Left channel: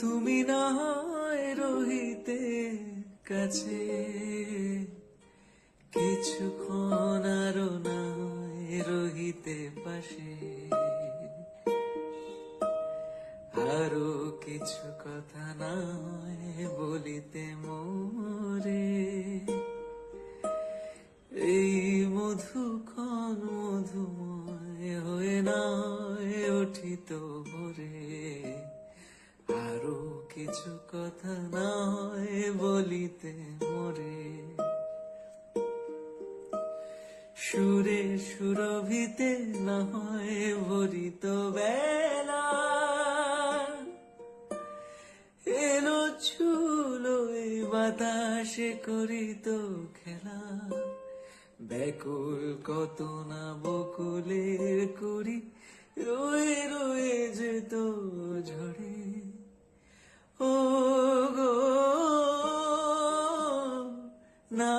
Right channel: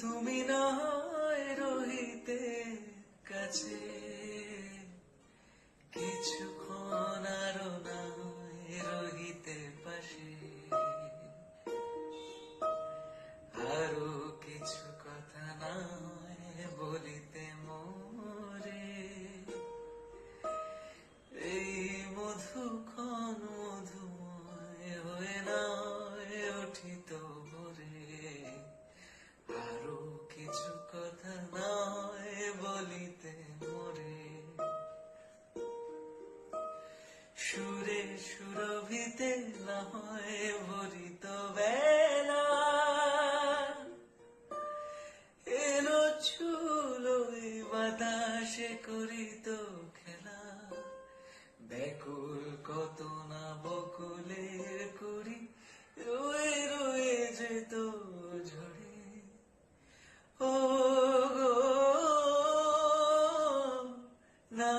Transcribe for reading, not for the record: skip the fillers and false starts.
তুমি না হয় রহিতে কাছে, কিছুক্ষণ আরো নাই রহিতে পাশে, আরো কিছু কথা নয় বলিতে মোরে, এই মধুক্ষণ মধুময় হয়ে নয় উঠিত ভোরে, আরো কিছু কথা নয় বলিতে মোরে, সুরে সুরভিতে নয় ভরিত বেলা, এলো ছুলো বাতাসে করিত খেলা, ব্যাকুল কত না বকুলের করি রয়ে রয়ে যেত ঝরে, ও গো না